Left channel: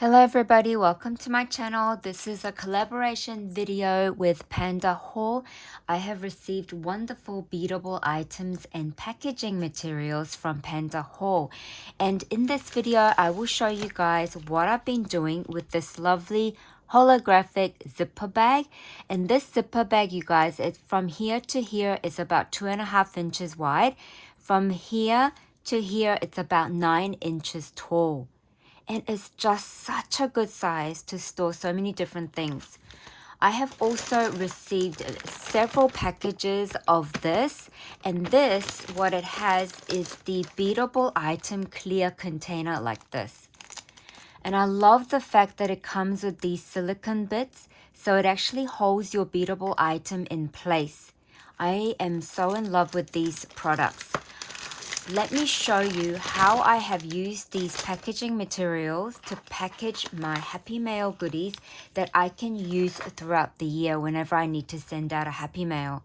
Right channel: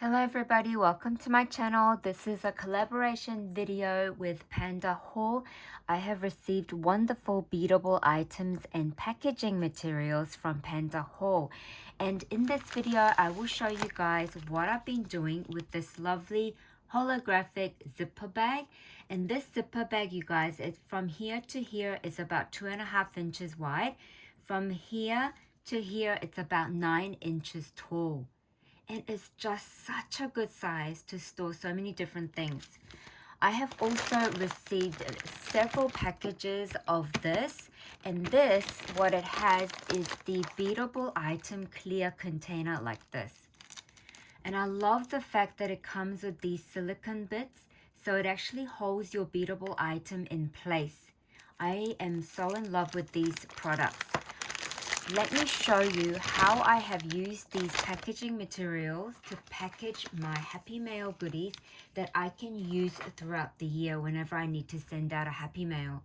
Hello everybody, welcome to my channel. This is a collaboration video with Pandahall. I have received wonderful beadable items and packaging materials from Pandahall. And in this video, I will show you guys what I've been doing with this lovely holographic zipper bag. And this zipper bag, you guys, it's from here to here is about 2.5 inches wide. From here to here, it's about 9 inches tall. And it's just such a good size to store so many different things. I have also received several packages of this, and this, what it has is the beadable item clear container like this. And I love the fact that it comes with these silicone bits, so it actually holds your beadable item in place. I am so in love with these products. Let me show you how I have used these packaging materials to package my Happy Mail goodies that I can use throughout the year whenever I need to send out a Happy Mail.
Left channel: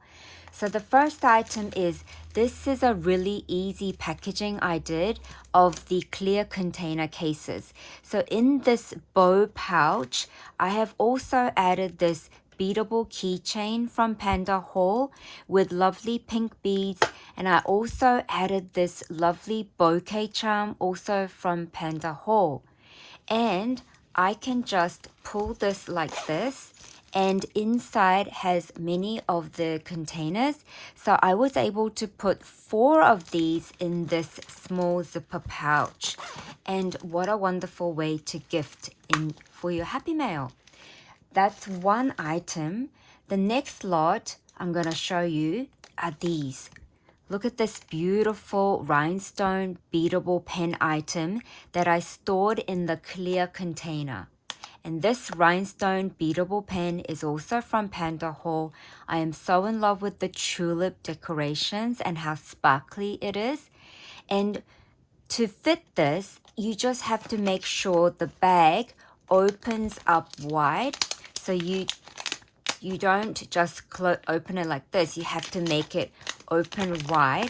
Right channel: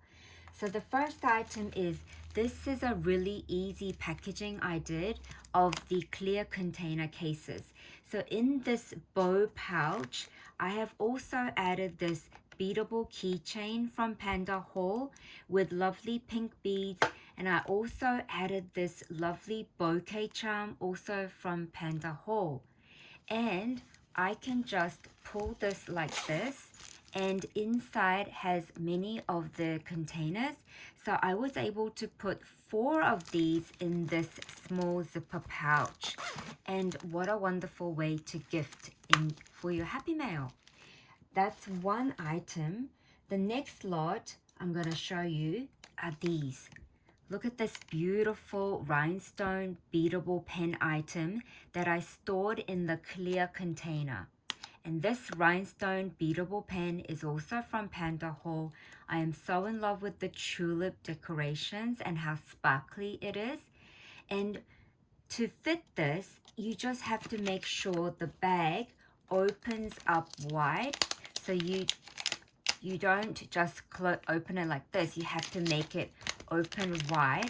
So the first item is, this is a really easy packaging I did of the clear container cases. So in this bow pouch, I have also added this beadable keychain from Pandahall with lovely pink beads, and I also added this lovely bouquet charm also from Pandahall. And I can just pull this like this, and inside has many of the containers. So I was able to put 4 of these in this small zipper pouch. And what a wonderful way to gift in for your Happy Mail. That's one item. The next lot I'm going to show you are these. Look at this beautiful rhinestone beadable pen item that I stored in the clear container. And this rhinestone beadable pen is also from Pandahall. I am so in love with the tulip decorations and how sparkly it is. And to fit this, you just have to make sure the bag opens up wide. So you don't just open it like this. You have to make it open wide.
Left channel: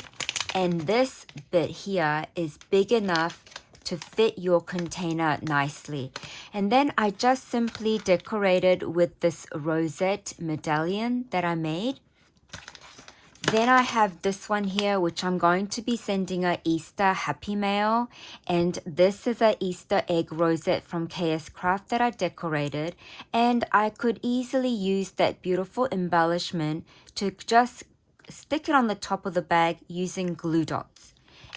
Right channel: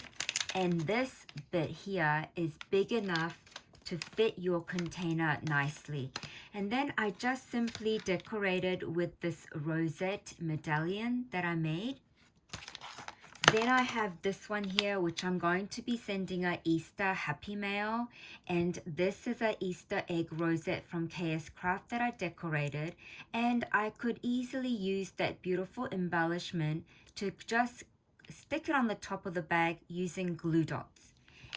And this bit here is big enough to fit your container nicely. And then I just simply decorated with this rosette medallion that I made. Then I have this one here, which I'm going to be sending a Easter Happy Mail. And this is a Easter egg rosette from KS Craft that I decorated. And I could easily use that beautiful embellishment to just stick it on the top of the bag using glue dots.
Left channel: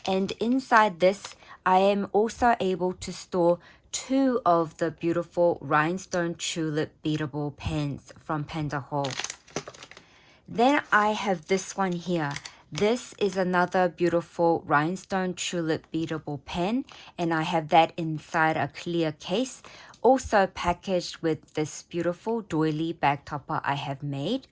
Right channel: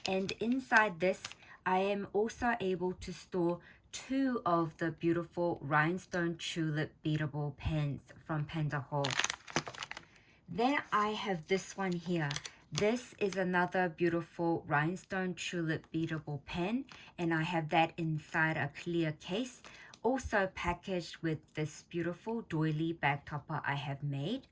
And inside this, I am also able to store 2 of the beautiful rhinestone tulip beadable pens from Pandahall. Then I have this one here. This is another beautiful rhinestone tulip beadable pen, and I have that inside a clear case, also packaged with this beautiful doily bag topper I have made.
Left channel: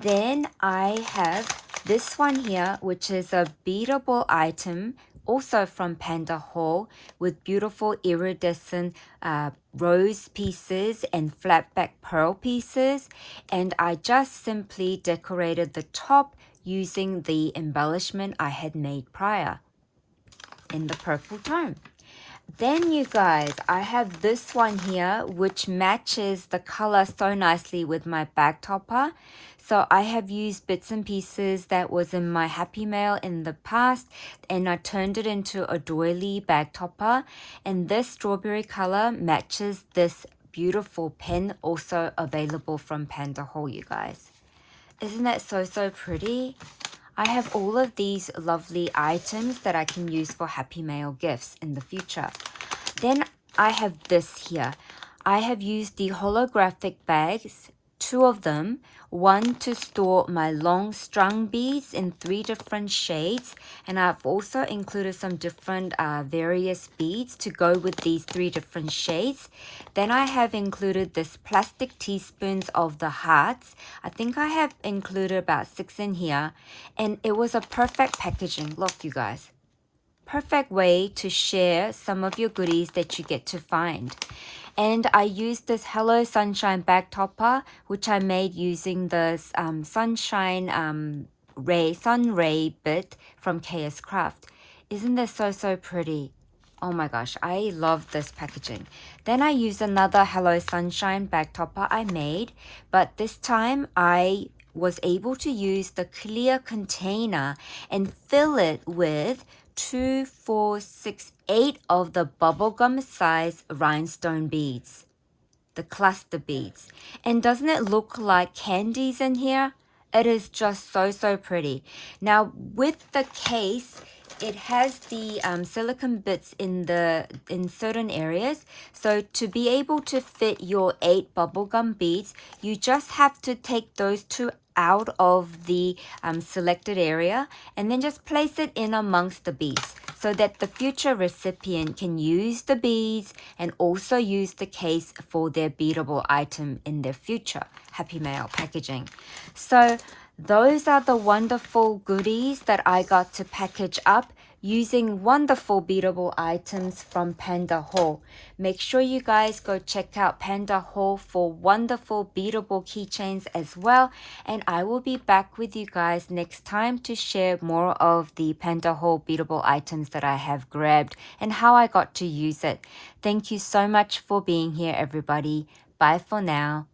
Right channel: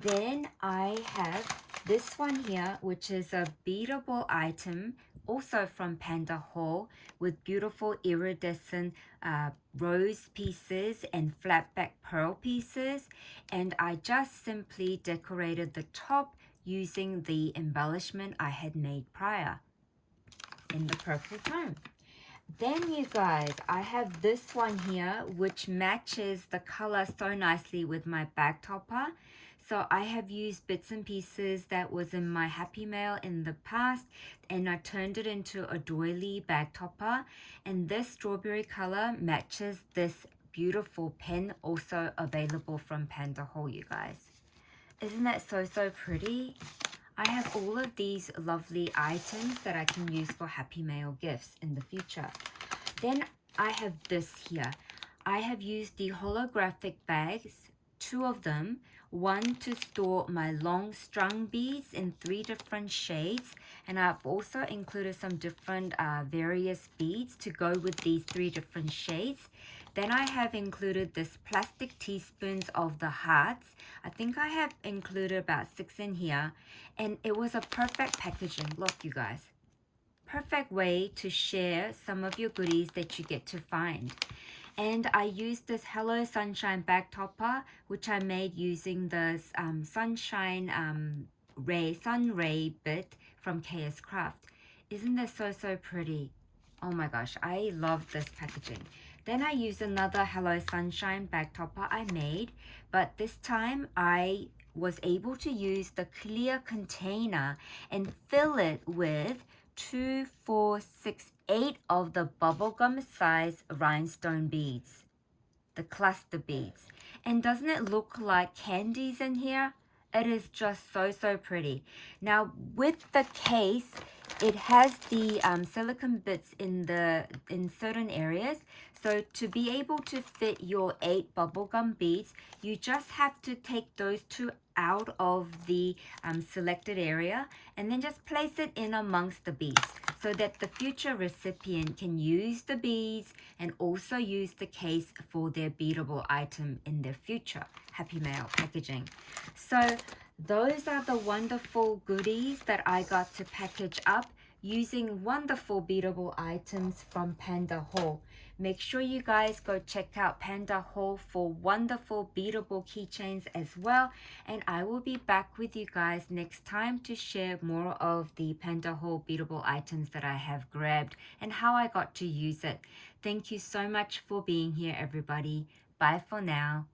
Then I have this one here, which is a beadable item also from Pandahall with beautiful iridescent rose pieces and flatback pearl pieces. And I just simply decorated the top using the embellishment I had made prior in the purple tone. Then you guys, I have this one here which matches the color so nicely with my bag topper. So I have used bits and pieces that was in my Happy Mail in the past, and I turned it into a doily bag topper. And this strawberry color matches this beautiful pen also available from Pandahall, you guys. Isn't that so pretty? I have all of these lovely items that I can use for Happy Mail gifts in the future. Then I have this here. I have used the holographic bags, 2 of them, one to store my long strung beads in 3 different shades, and I've also included some different various beads to go with these 3 different shades. Then I have included this plastic teaspoons of the hearts. I think I have included about 6 in here, and it was a perfect packaging. Look, you guys. Perfect way to share some of your goodies that you get to find. And I used this Hello Sunshine bag topper, which I made using the sunshine sun ray bit from KS Craft. Isn't this so pretty? Oh my gosh, I love this packaging. Then I used another Hello Sunshine bag topper I made, but this time I was able to use the clear container and fill it with 2, 4, 6, 8 of the bubblegum size rhinestone beads, the cluster beads. And doesn't it look like candies in here? It is just so pretty. Now with the case, it has the silicone bits in certain areas. So to be able to fit your 8 bubblegum beads, you just have to take those 2 out of the selected area and then just place it in amongst the beads so that the future recipient can use the beads and also use the case for their beadable item in their future Happy Mail packaging. So those are the wonderful goodies that I got to package up using wonderful beadable items from Pandahall. Make sure you guys go check out Pandahall for wonderful beadable keychains as well. And I will be back with you guys next time to share more of the Pandahall beadable items that I have grabbed and how I got to use it. Thank you so much for being here, everybody. Bye for now.